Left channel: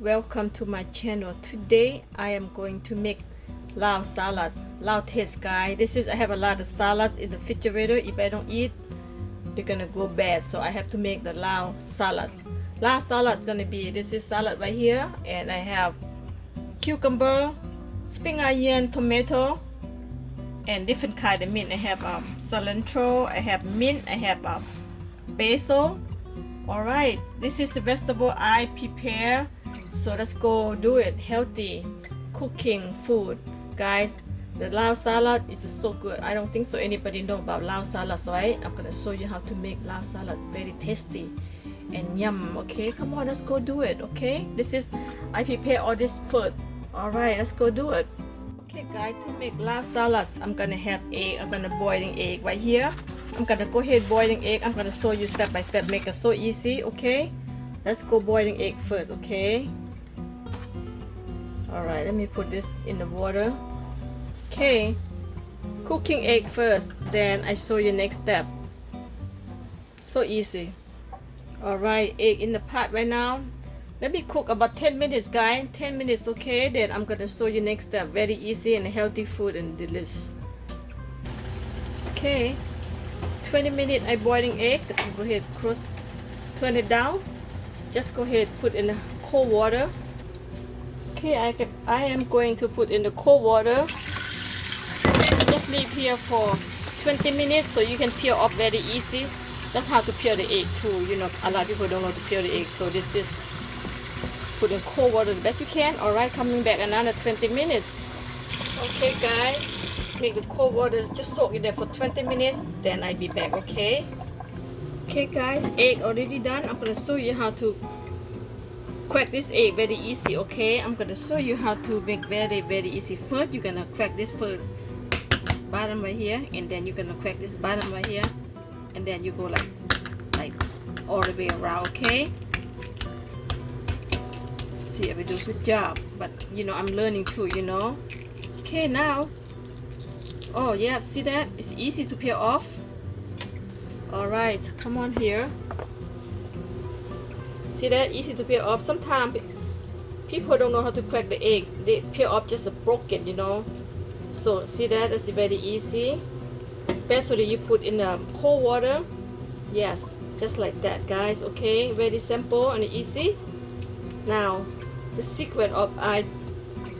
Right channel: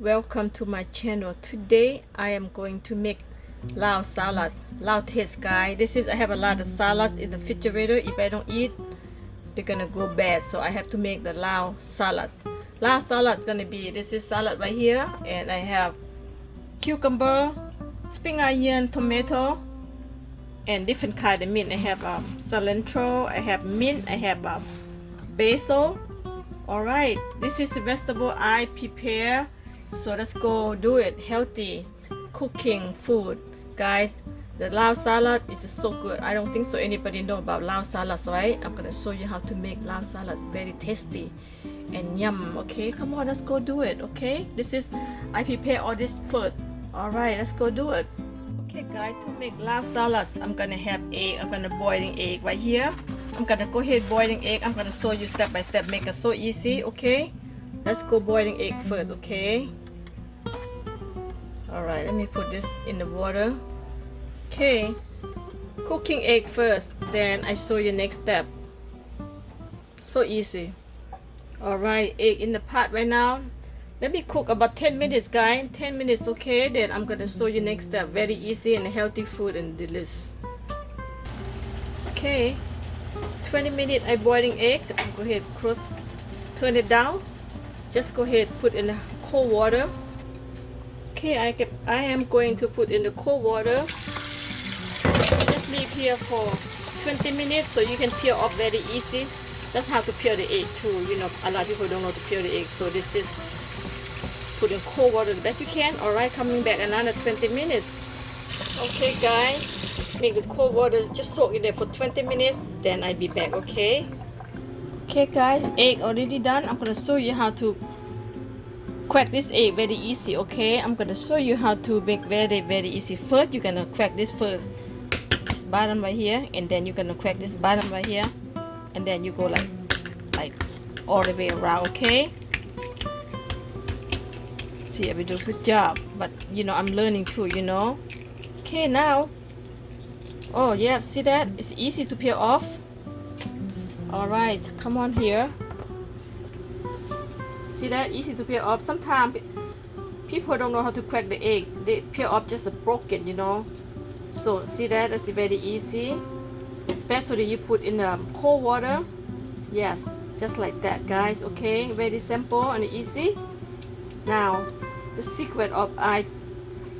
Welcome to my channel. Today I am going to make lao salads. Lao taste, guys. I have a lot of salads in the refrigerator. If I don't eat, they're gonna go bad. So I have to make the lao salads. Lao salad is gonna be, this is salad right here, and I have cucumber, spring onion, tomato, and different kind of mint. I have cilantro, I have mint, I have basil. Alright, this is the vegetable I prepare. So let's go do it. Healthy cooking food, guys. The lao salad is so good. I don't think so anybody know about lao salad, right? I'm gonna show you how to make lao salad. Very tasty and yum. Okay, come on, let's go do it. Okay, I prepare all this first. Alright, let's go do it. Okay guys, to make lao salads, I'm gonna have egg. I'm gonna boiling egg right here. I'm gonna go ahead boiling egg. I'm gonna show you step by step, make it so easy. Okay, let's go boiling egg first. Okay, all right, let me put this in the water. Okay, cooking egg first, then I show you next step. So easy. All right, egg in the pot right now. Let me cook about 10 minutes, guys. 10 minutes. Okay, then I'm gonna show you next step. Very easy and healthy food and delicious. Okay, 20 minutes I boiling egg. Go ahead, turn it down. Just go ahead, put in the cold water. Okay, I am going to put in the cold water. Just leave here for 20 minutes so you can peel off very easy. That's how to peel the egg too. You know, a lot of people don't know to peel the egg, so this is put in cold water the best you can. All right, coming back another 20 minutes. Okay, guys, make the cold water just soak in there for 20 minutes. Then I'll be back. Okay. Okay, guys, egg already done. I'm gonna show you how to crack this egg very easy. Okay, I'm gonna show you how to make very easy. First, you're gonna crack this first, this bottom right here, and then you're gonna crack this bottom right here, and then you go like all the way around. Okay. See, I will do a good job, but you know I'm learning too. You know. Okay, now. Oh yeah, see that? It's easy to peel off. All right, come on here. See that? Easy to peel off. Sometimes people don't know how to crack the egg. They peel off just broken, you know. So see that? That's very easy. Especially you put in cold water. Yes, just like that, guys. Okay, very simple and easy. Now, the secret of I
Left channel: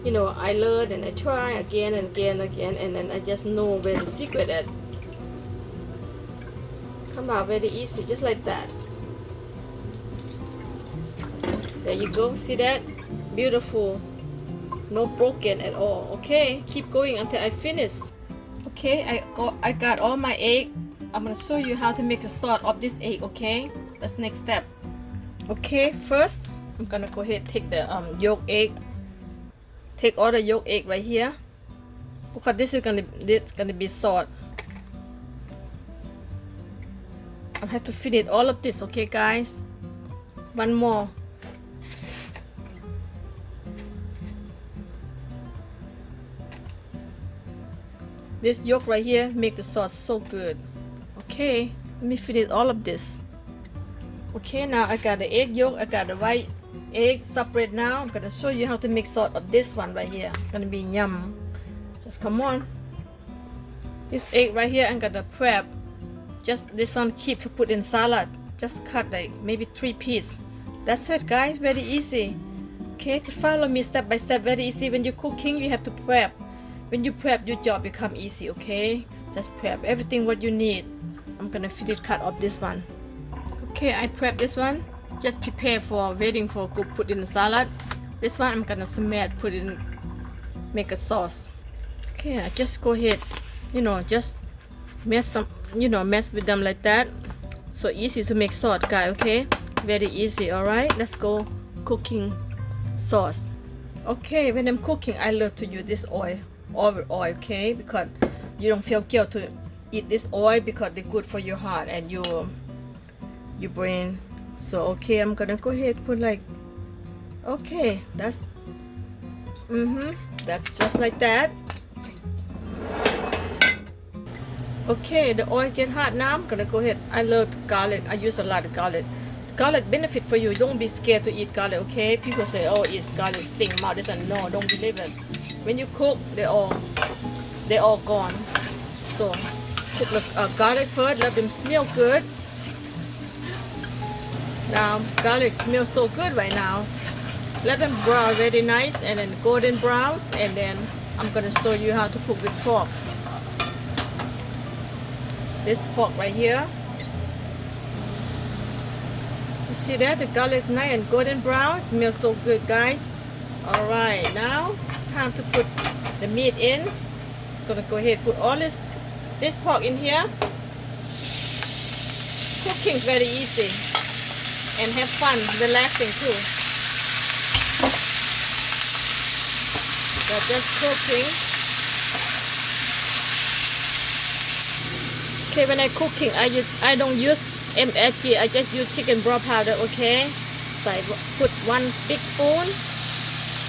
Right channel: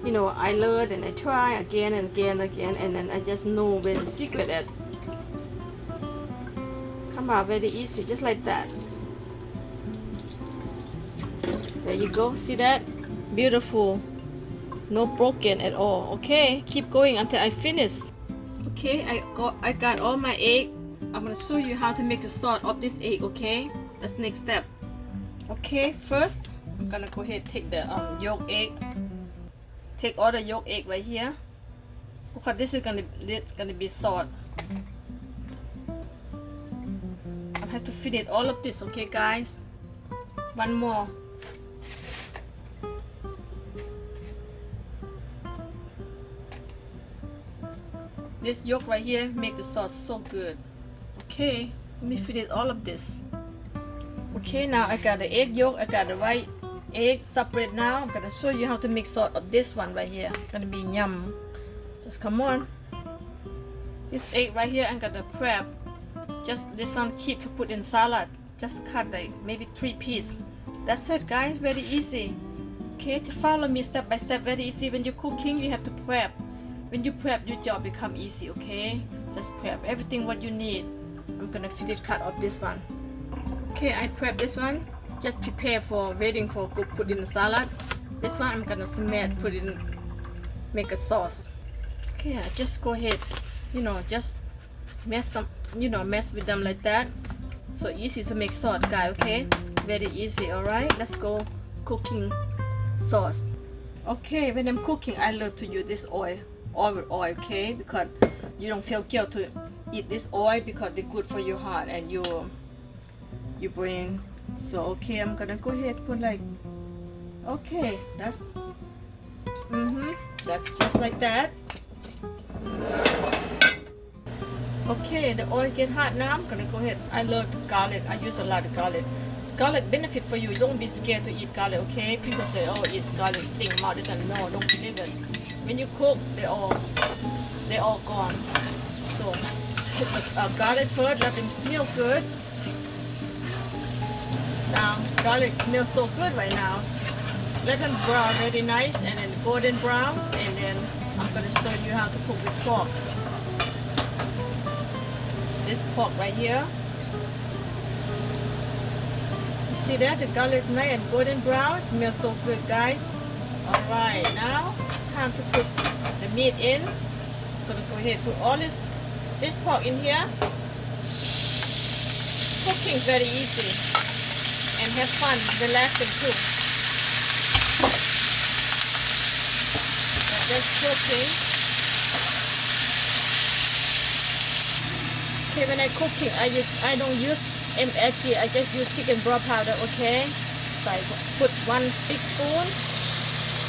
learn and I try again and again and again, and then I just know where the secret at. Come out very easy, just like that. There you go. See that? Beautiful. No broken at all. Okay, keep going until I finish. Okay, I got all my egg. I'm gonna show you how to make the sauce of this egg. Okay, that's next step. Okay, first I'm gonna go ahead and take the yolk egg. Take all the yolk egg right here, because this is gonna be salt. I have to finish all of this. Okay, guys. One more. This yolk right here make the sauce so good. Okay, let me finish all of this. Okay, now I got the egg yolk, I got the white egg separate. Now I'm gonna show you how to make sauce of this one right here. Gonna be yum. Just come on. This egg right here I'm gonna prep. Just this one keep to put in salad. Just cut like maybe 3 pieces. That's it, guys. Very easy. Okay, to follow me step by step. Very easy. When you're cooking, you have to prep. When you prep, your job become easy. Okay, just prep everything what you need. I'm gonna finish cut off this one. Okay, I prep this one. Just prepare for waiting for go put in the salad. This one I'm gonna smash, put in, make a sauce. Okay, I just go ahead, you know, just mess them, you know, mess with them like that. So easy to make sauce, guys. Okay, very easy. All right, let's go cooking sauce. Okay, when I'm cooking, I love to use this oil. Okay, because you don't feel guilt to eat this oil because they're good for your heart and your brain. So okay, I'm gonna go ahead put like, okay, that's just like that. Okay, the oil get hot now. I'm gonna go ahead. I love garlic. I use a lot of garlic. garlic benefit for you. Don't be scared to eat garlic, okay? People say, oh, it's garlic sting mouth. This and no, don't believe it. When you cook, they're all gone. So put the garlic first, let them smell good. Now garlic smells so good right now. Let them brown very nice and then golden brown, and then I'm gonna show you how to cook the pork. This pork right here. You see that? The garlic nice and golden brown. Smells so good, guys. Alright, now time to put the meat in. I'm gonna go ahead and put all this pork in here. Cooking very easy and have fun, relaxing too. So just cooking. Okay, when I cooking, I don't use MSG. I just use chicken broth powder. Okay, so I put 1 big spoon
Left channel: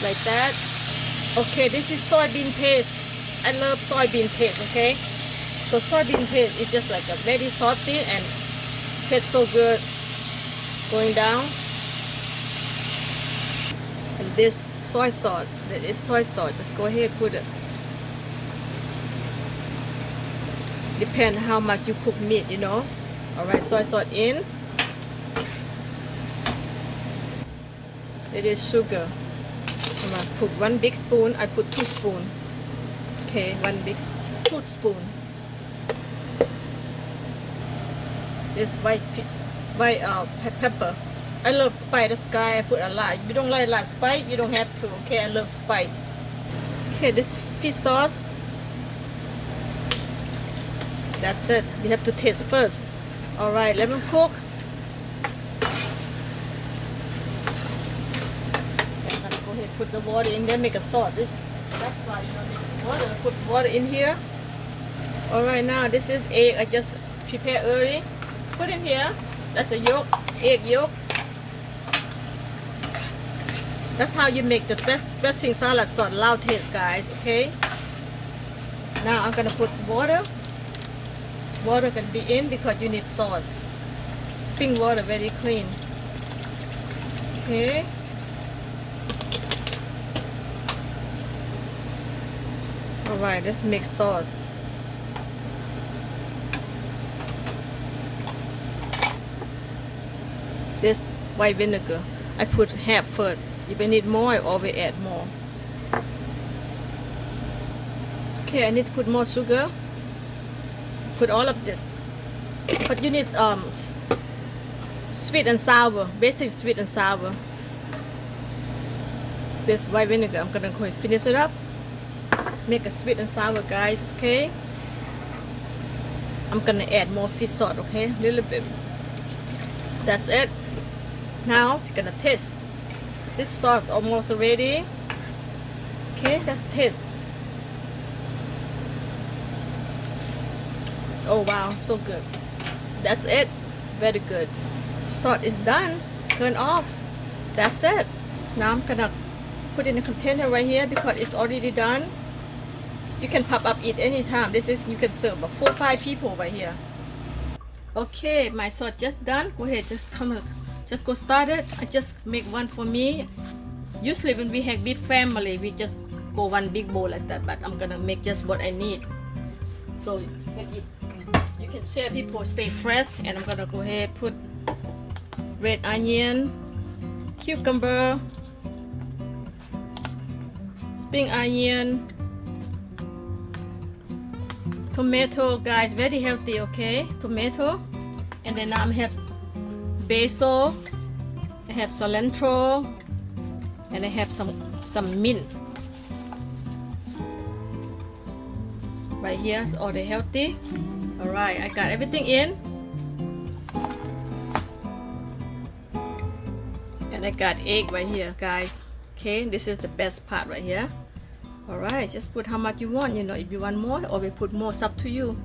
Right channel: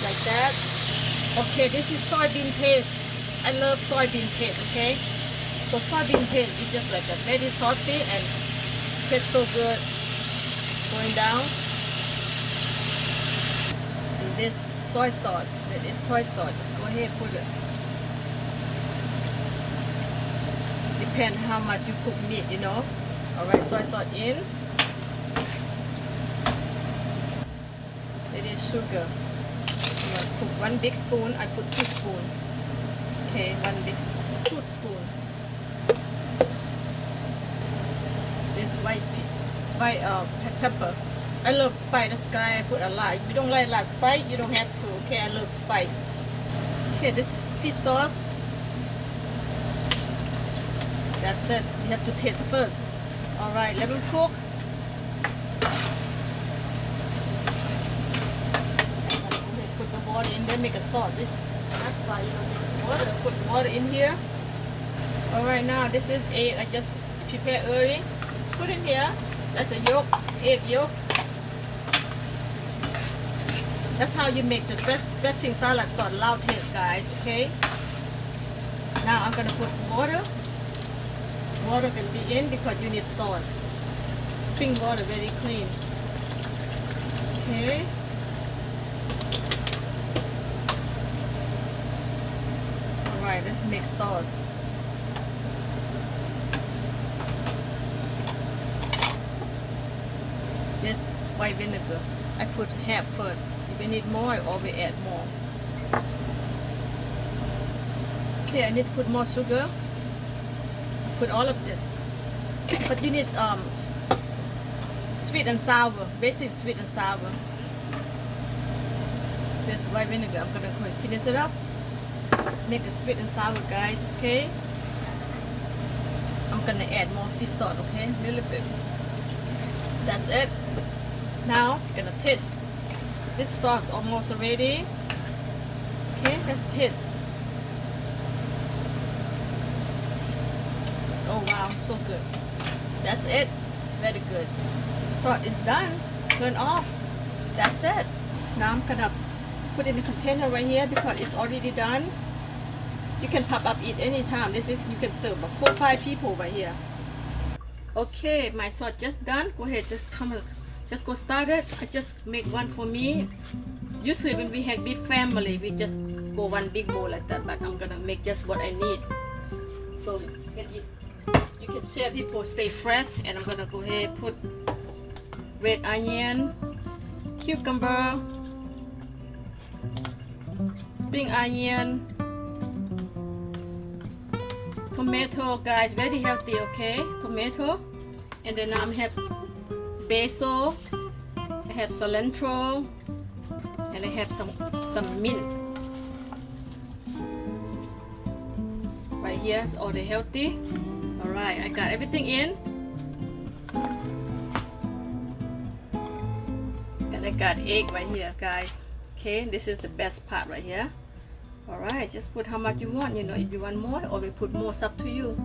like that. Okay, this is soybean paste. I love soybean paste. Okay, so soybean paste is just like a very salty and tastes so good. Going down, and this soy sauce. That is soy sauce. Just go ahead and put it. Depend how much you cook meat, you know. Alright, soy sauce in. It is sugar. I'm gonna put 1 big spoon. I put 2 spoons. Okay, 2 spoon. It's white pepper. I love spice. That's why I put a lot. If you don't like a lot of spice, you don't have to. Okay, I love spice. Okay, this fish sauce. That's it. We have to taste first. Alright, let me cook. Put the water in there, make a sauce. That's why you know, water. Put water in here. Alright, now this is egg. I just prepared early. Put in here. That's a yolk, egg yolk. That's how you make the dressing salad sauce Lao taste, guys. Okay. Now I'm gonna put water. Water can be in because you need sauce. Spring water, very clean. Okay. Alright, let's make sauce. This white vinegar, I put half first. If I need more, I always add more. Okay, I need to put more sugar. Put all of this. But you need sweet and sour, basic sweet and sour. This white vinegar, I'm gonna go and finish it up. Make a sweet and sour, guys. Okay. I'm gonna add more fish sauce. Okay, a little bit. That's it. Now you're gonna taste. This sauce almost ready. Okay, let's taste. Oh wow, so good. That's it. Very good. Sauce is done. Turn off. That's it. Now I'm gonna put in a container right here because it's already done. You can pop up, eat anytime. This is, you can serve about 4 or 5 people right here. Okay, my sauce just done. Go ahead, just go start it. I just make one for me. Usually when we have big family, we just go one big bowl like that, but I'm gonna make just what I need. So you can share, people stay fresh. And I'm gonna go ahead put red onion, cucumber, spring onion, tomato, guys, very healthy. Okay, tomato. And then I have basil, I have cilantro, and I have some mint right here. It's all the healthy. All right, I got everything in, and I got egg right here, guys. Okay, this is the best part right here. All right, just put how much you want. You know, if you want more, or we put more, it's up to you.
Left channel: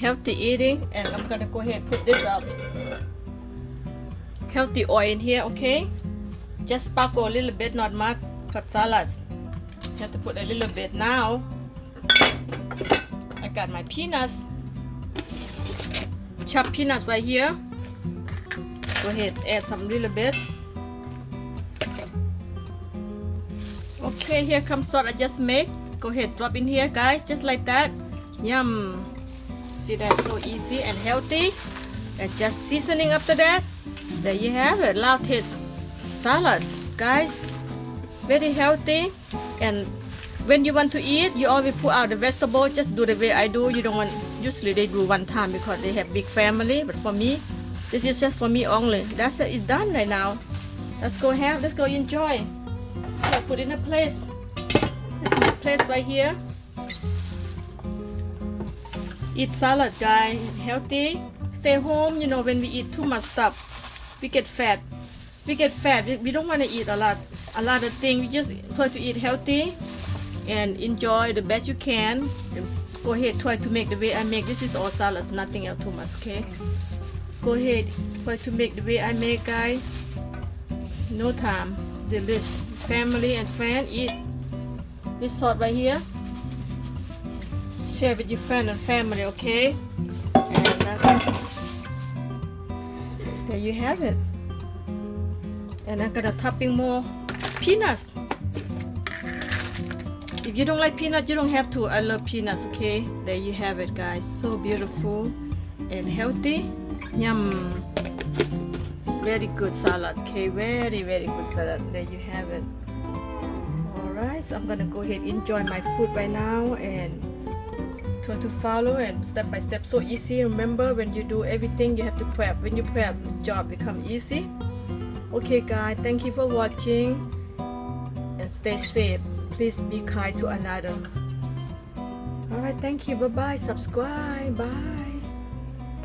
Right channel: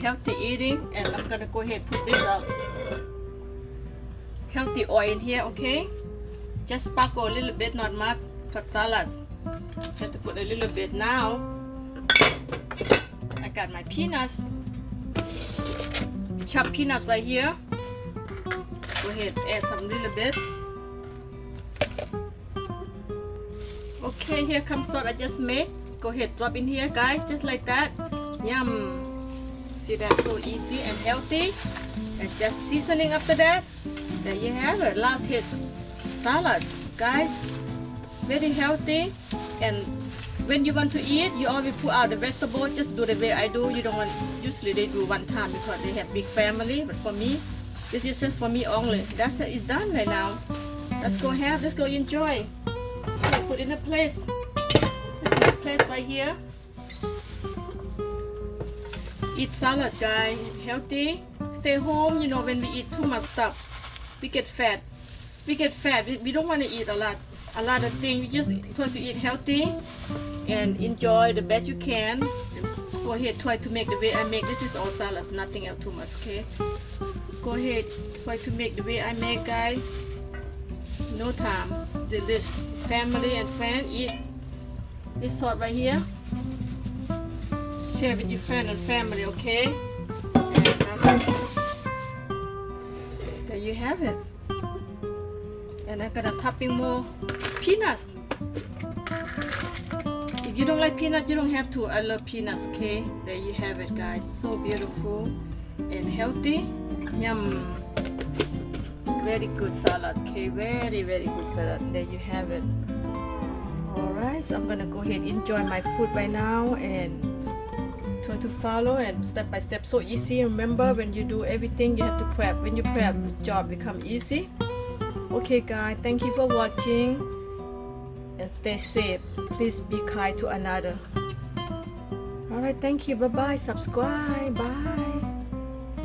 Healthy eating. And I'm gonna go ahead and put this up. Healthy oil in here. Okay, just sparkle a little bit, not much. Cut salads. Have to put a little bit now. I got my peanuts. Chopped peanuts right here. Go Go ahead, add some little bit. Okay, here comes salt I just made. Go ahead, drop in here, guys, just like that. Yum. See, that's so easy and healthy. And just seasoning after that. There you have it, Lao taste salad, guys. Very healthy. And when you want to eat, you always put out the vegetable. Just do the way I do. You don't want. Usually they do one time because they have big family. But for me, this is just for me only. That's it. It's done right now. Let's go have. Let's go enjoy. Okay, put in a place. This is my place right here. Eat salad, guys. Healthy. Stay home. You know, when we eat too much stuff, we get fat. We get fat. We don't want to eat a lot of things. We just try to eat healthy and enjoy the best you can. And go ahead, try to make the way I make. This is all salads, nothing else too much. Okay. Go ahead, try to make the way I make, guys. No time. Delicious. Family and friends eat this salt right here. Share with your friend and family, okay? And there you have it. And I'm gonna topping more peanuts. If you don't like peanuts, you don't have to. I love peanuts, okay? There you have it, guys. So beautiful and healthy. Yum. Very good salad, okay? Very, very good salad. There you have it. Alright, so I'm gonna go ahead and enjoy my food right now and try to follow and step by step. So easy. Remember, when you do everything, you have to prep. When you prep, the job become easy. Okay, guys, thank you for watching and stay safe. Please be kind to another. Alright, thank you. Bye bye. Subscribe. Bye.